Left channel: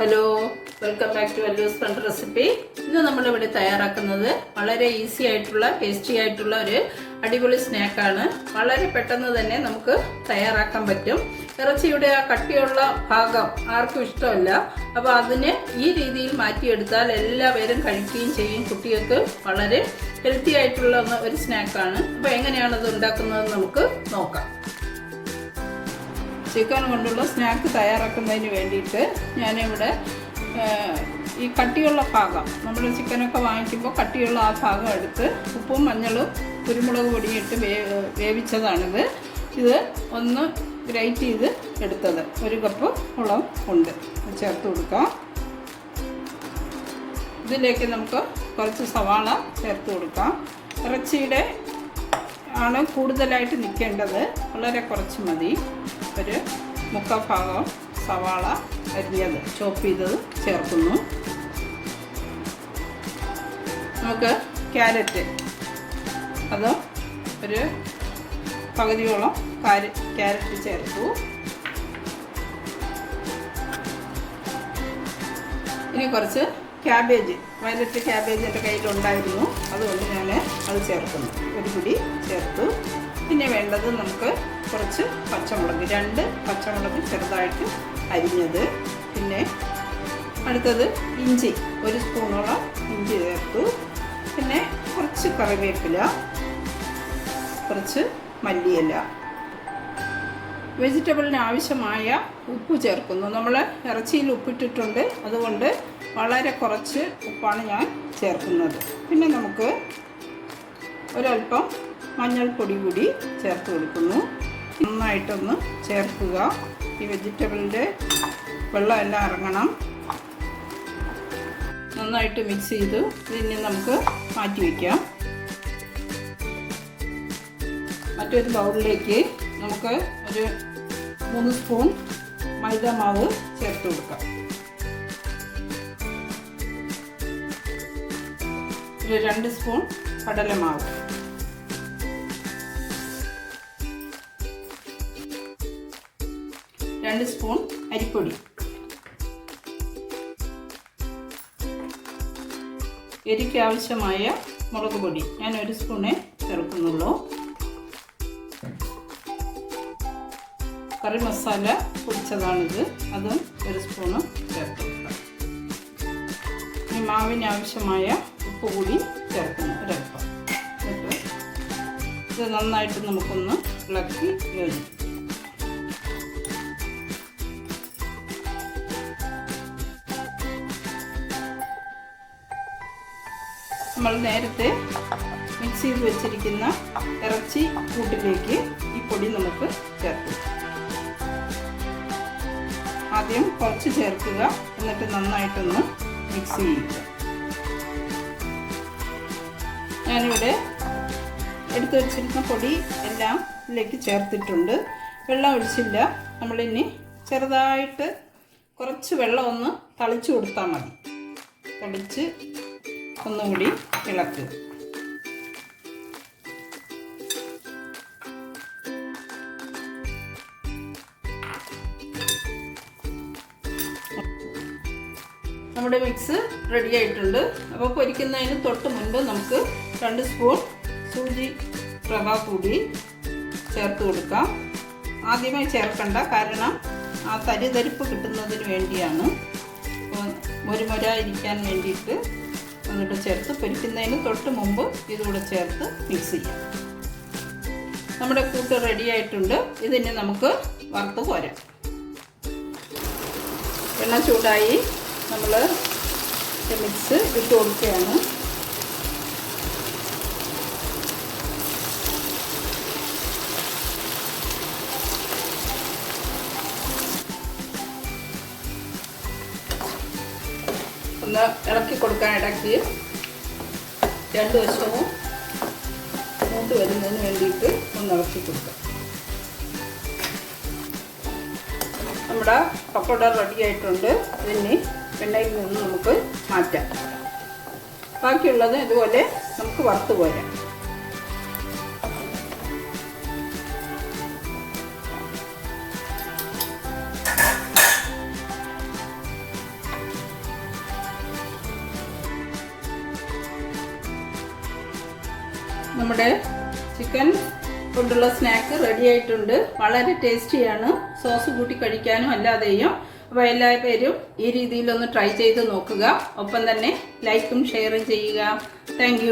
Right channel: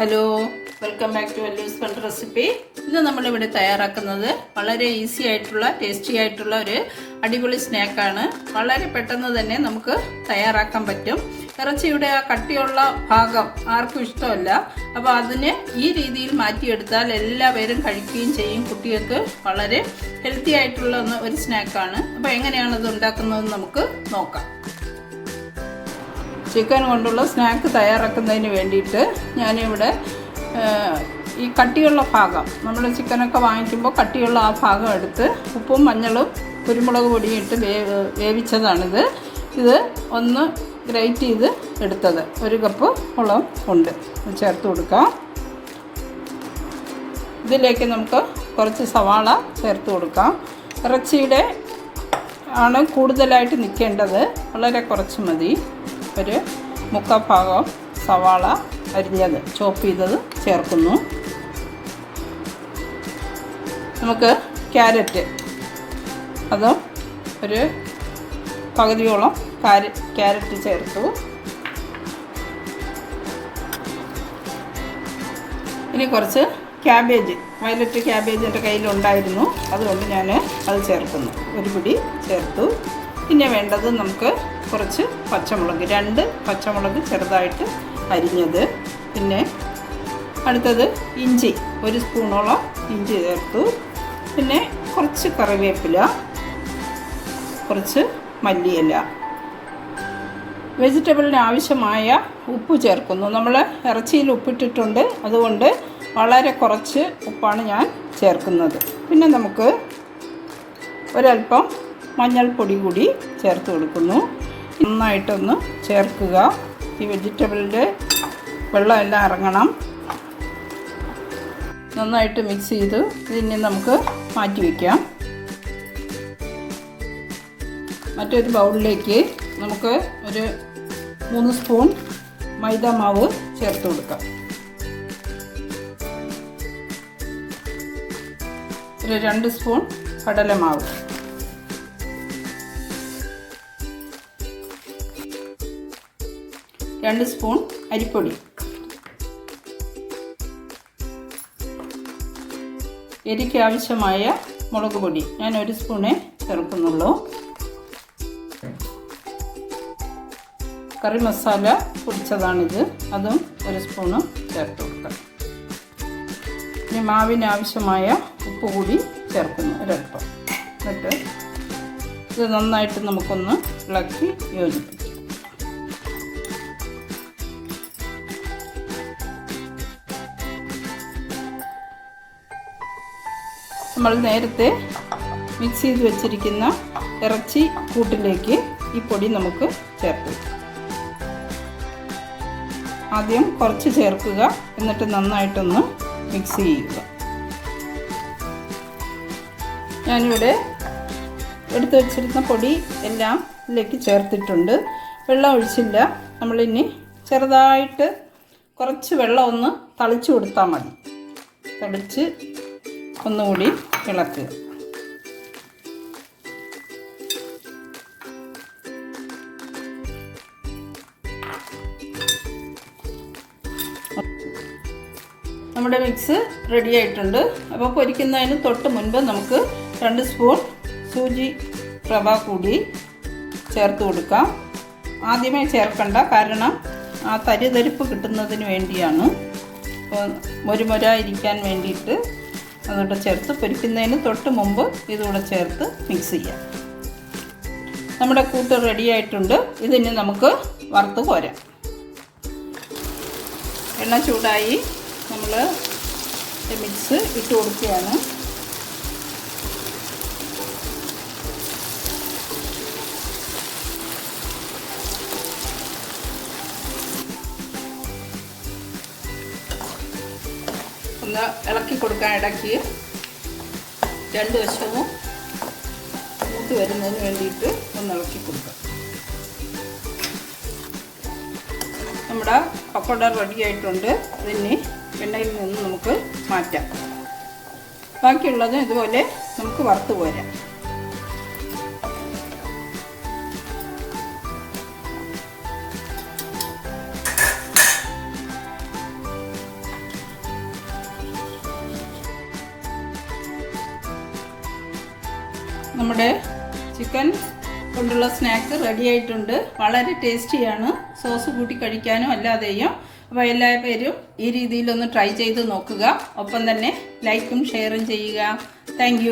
Hello welcome back to Vellu's fund recipe ഇന്ന് നമ്മളിവിടെ തയ്യാറാക്കുന്നത് വളരെ ഈസി ആയിട്ടുള്ള ടേസ്റ്റി ആയിട്ടുള്ള ഒരു അടിപൊളി സ്നാക്കാണ് വളരെ പെട്ടെന്ന് തന്നെ നമുക്ക് തയ്യാറാക്കാൻ പറ്റും. ഇറച്ചിയുടെ ആ കട്ടിയുള്ള ഭാഗം ആർക്കും ഇഷ്ടമല്ല. അപ്പോൾ അതിന് ഈ രീതിയിൽ മാറ്റിയെടുത്താൽ എല്ലാവരും കഴിക്കുകയും ചെയ്യും. കുട്ടികൾക്ക് വളരെ ഹെൽത്തി ആയിട്ടുള്ള ഒരു സ്നാക്കാണ് അപ്പോൾ എങ്ങനെയാണ് ഇത് ഉണ്ടാക്കുന്നതെന്ന് നമുക്ക് നോക്കാം. ചിക്കൻ കൊണ്ടുള്ള സ്നാക്ക് തയ്യാറാക്കുന്നതിന് വേണ്ടിയിട്ട് ഞാനിവിടെ ഈ കട്ടിയുള്ള ഭാഗം നമ്മൾ ചിക്കനൊക്കെ വാങ്ങിക്കുമ്പോൾ കട്ടിയുള്ള ആ ഭാഗം എടുത്ത് ഉപ്പും മഞ്ഞളും കുരുമുളക് പൊടിയും ഇട്ട് വേ വേവിച്ചതാണിത്. ഇത് ഒന്ന് ഗ്രേറ്റ് ചെയ്ത് എടുത്തത്. ഒരു കപ്പ് മുളകും ഉണ്ട്. ചേർത്ത് കൊടുക്കാം. ഇതിലേക്ക് നമുക്ക് കുറച്ച് സവാള ചേർത്ത് കൊടുക്കാം. ഇറച്ചിയുടെ ആണ് കൂടുതലായിട്ട് നിൽക്കേണ്ടത്. വളരെ കുറച്ച് മതി. ഒരു മുക്കാൽ ഭാഗം സവാള അരിഞ്ഞത് ചോപ്പ് ചെയ്തത് ചേർക്കുന്നു. നമുക്ക് ക്യാരറ്റ്. അത് ഒരു പകുതിയോളം ക്യാരറ്റ് ചേർത്തു. ഇനി കുറച്ച് ക്യാബേജ്. വയലറ്റ് ക്യാബേജ് എന്റെ കയ്യിലുണ്ടായിരുന്നു. അതുകൊണ്ട് ഞാൻ അത് ചേർക്കുന്നു. ഒരു പിടി ചേർത്തു. പിന്നെ വേണ്ടത് നമുക്ക് കുറച്ച് പച്ചമുളക് രണ്ട് പച്ചമുളക് ചെറുതായിട്ട് അരിഞ്ഞത്. പിന്നെ അടുത്തത് ഇഞ്ചി ഒരു സ്പൂണോളം ഇഞ്ചി ചേർത്തു. പിന്നെ കുറച്ച് കറിവേപ്പില കുറച്ച് മല്ലിയില. വെജിറ്റബിളിന് ആവശ്യമായ ഉപ്പ് ചേർക്കുന്നു. നമ്മൾ ഇറച്ചിയിൽ ഉപ്പിട്ടിട്ടുണ്ട്. അതുകൊണ്ട് വളരെ കുറച്ച് ഉപ്പാണ് ഞാൻ ചേർക്കുന്നത്. പിന്നെ നമുക്ക് ഒരല്പം മഞ്ഞൾപ്പൊടി കൂടി ചേർത്ത് കൊടുക്കുന്നു. നന്നായിട്ടൊന്ന് ചേർക്കുക. ഈ വെജിറ്റബിളിന്റെ വെള്ളം എല്ലാം ഇറങ്ങണം. നന്നായിട്ട് മിക്സ് ചെയ്ത് ഇതിനെ നമുക്ക് മാറ്റി വയ്ക്കാം. മറ്റൊരു ബൗളിലേക്ക് നമുക്ക് ഒരു മൂന്ന് സ്പൂൺ മൈദ മാവ് ചേർത്ത് കൊടുക്കാം. ഒരു രണ്ട് സ്പൂൺ കടലമാവ്. രണ്ട് സ്പൂൺ അരിപ്പൊടി. എരിക്ക് ആവശ്യമായ മുളക് പൊടി. ഞാൻ ഒരു സ്പൂണേ ചേർക്കുന്നുള്ളൂ. കറി മസാല പൊടിച്ചതാണിത്. അതും ഒരു സ്പൂണ് ചേർത്ത്. കൊടുക്കാം ഇനി മാവിന് ആവശ്യമായ ഉപ്പ് കൂടി ചേർക്കുന്നു ഒരപ്പം എന്നിട്ട് ഇത് നന്നായിട്ട് നമുക്കൊന്ന് ഇളക്കി യോജിപ്പിക്കാം. നമ്മൾ നേരത്തെ മിക്സ് ചെയ്ത് വെച്ചിരിക്കുന്ന ഇറച്ചി കൂട്ടിലേക്ക് ഈ പൊടി നമുക്ക് ചേർക്കും. ആദ്യം കുറച്ച് ചേർക്കുക. എന്നിട്ട് നന്നായിട്ടൊന്ന് മിക്സ് ചെയ്യുക. ഞാനിവിടെ എടുത്തു വച്ചിരുന്ന പൊടി എല്ലാം ഇതിലേക്ക് ചേർത്തിട്ടുണ്ട്. വെള്ളം ഒഴിച്ചില്ല. നമ്മളിനി ചെറുതായിട്ട് കുറച്ച് വെള്ളം ഒന്ന് തളിച്ചു കൊടുത്താൽ മതി. തളിച്ച് ഒന്നുകൂടി ഇളക്കുക നമ്മുടെ മിക്സ് റെഡി ആയിട്ടുണ്ട്. അപ്പോൾ പൊരിക്കുന്നതിന് തൊട്ട് മുൻപ് നമുക്ക് രണ്ട് സ്പൂൺ സൂചി റവ കൂടി ചേർത്ത് കൊടുക്കാം. ആദ്യമേ ചേർക്കണ്ട. കാരണം ആ തരിതരിപ്പ് കിട്ടുന്നതിന് വേണ്ടിയാണ്. മൊരുമൊര ഇരിക്കാൻ വേണ്ടിയിട്ട് അതുകൊണ്ട് ചേർത്ത് പൊരിക്കുന്നതിന് തൊട്ട് മുമ്പ് ഇതുകൂടെ ചേർത്ത് മിക്സ് ചെയ്യാം. നമ്മുടെ കൂട്ട് റെഡിയായിട്ടുണ്ട് ഇതിന് നമുക്ക് വറുത്ത് പോരാം എണ്ണ ചൂടായി നമ്മൾ മിക്സ് ഇട്ട് കൊടുക്കുകയാണ്. ഒന്ന് ഇളക്കി കൊടുക്കാൻ ഇടയ്ക്ക് രണ്ട് വശവും മൂത്ത് വരുന്നതിന് വേണ്ടിയിട്ട് ഒന്ന് ഇളക്കി കൊടുക്കാം. നമ്മുടെ പക്കോട റെഡി ആയിട്ടുണ്ട്. അതിന് എണ്ണയിൽ നിന്ന് നമുക്ക് മാറ്റാം. ബാക്കിയുള്ളത് ഇതുപോലെ നമുക്ക് വറുത്ത് പോരാം നമ്മുടെ ചിക്കൻ കൊണ്ടുള്ള സ്നാക്ക് റെഡി ആയിട്ടുണ്ട്. വളരെ ടേസ്റ്റിയാണ് സോസ് കൂട്ടി കഴിക്കാനും അല്ലാതെയും അപ്പോൾ എല്ലാ പേരും ഈ രീതിയിലൊന്ന് ട്രൈ ചെയ്ത് നോക്കുക. ഒപ്പം തന്നെ ലൈക്കും ഷെയറും ചെയ്യുക. താങ്ക്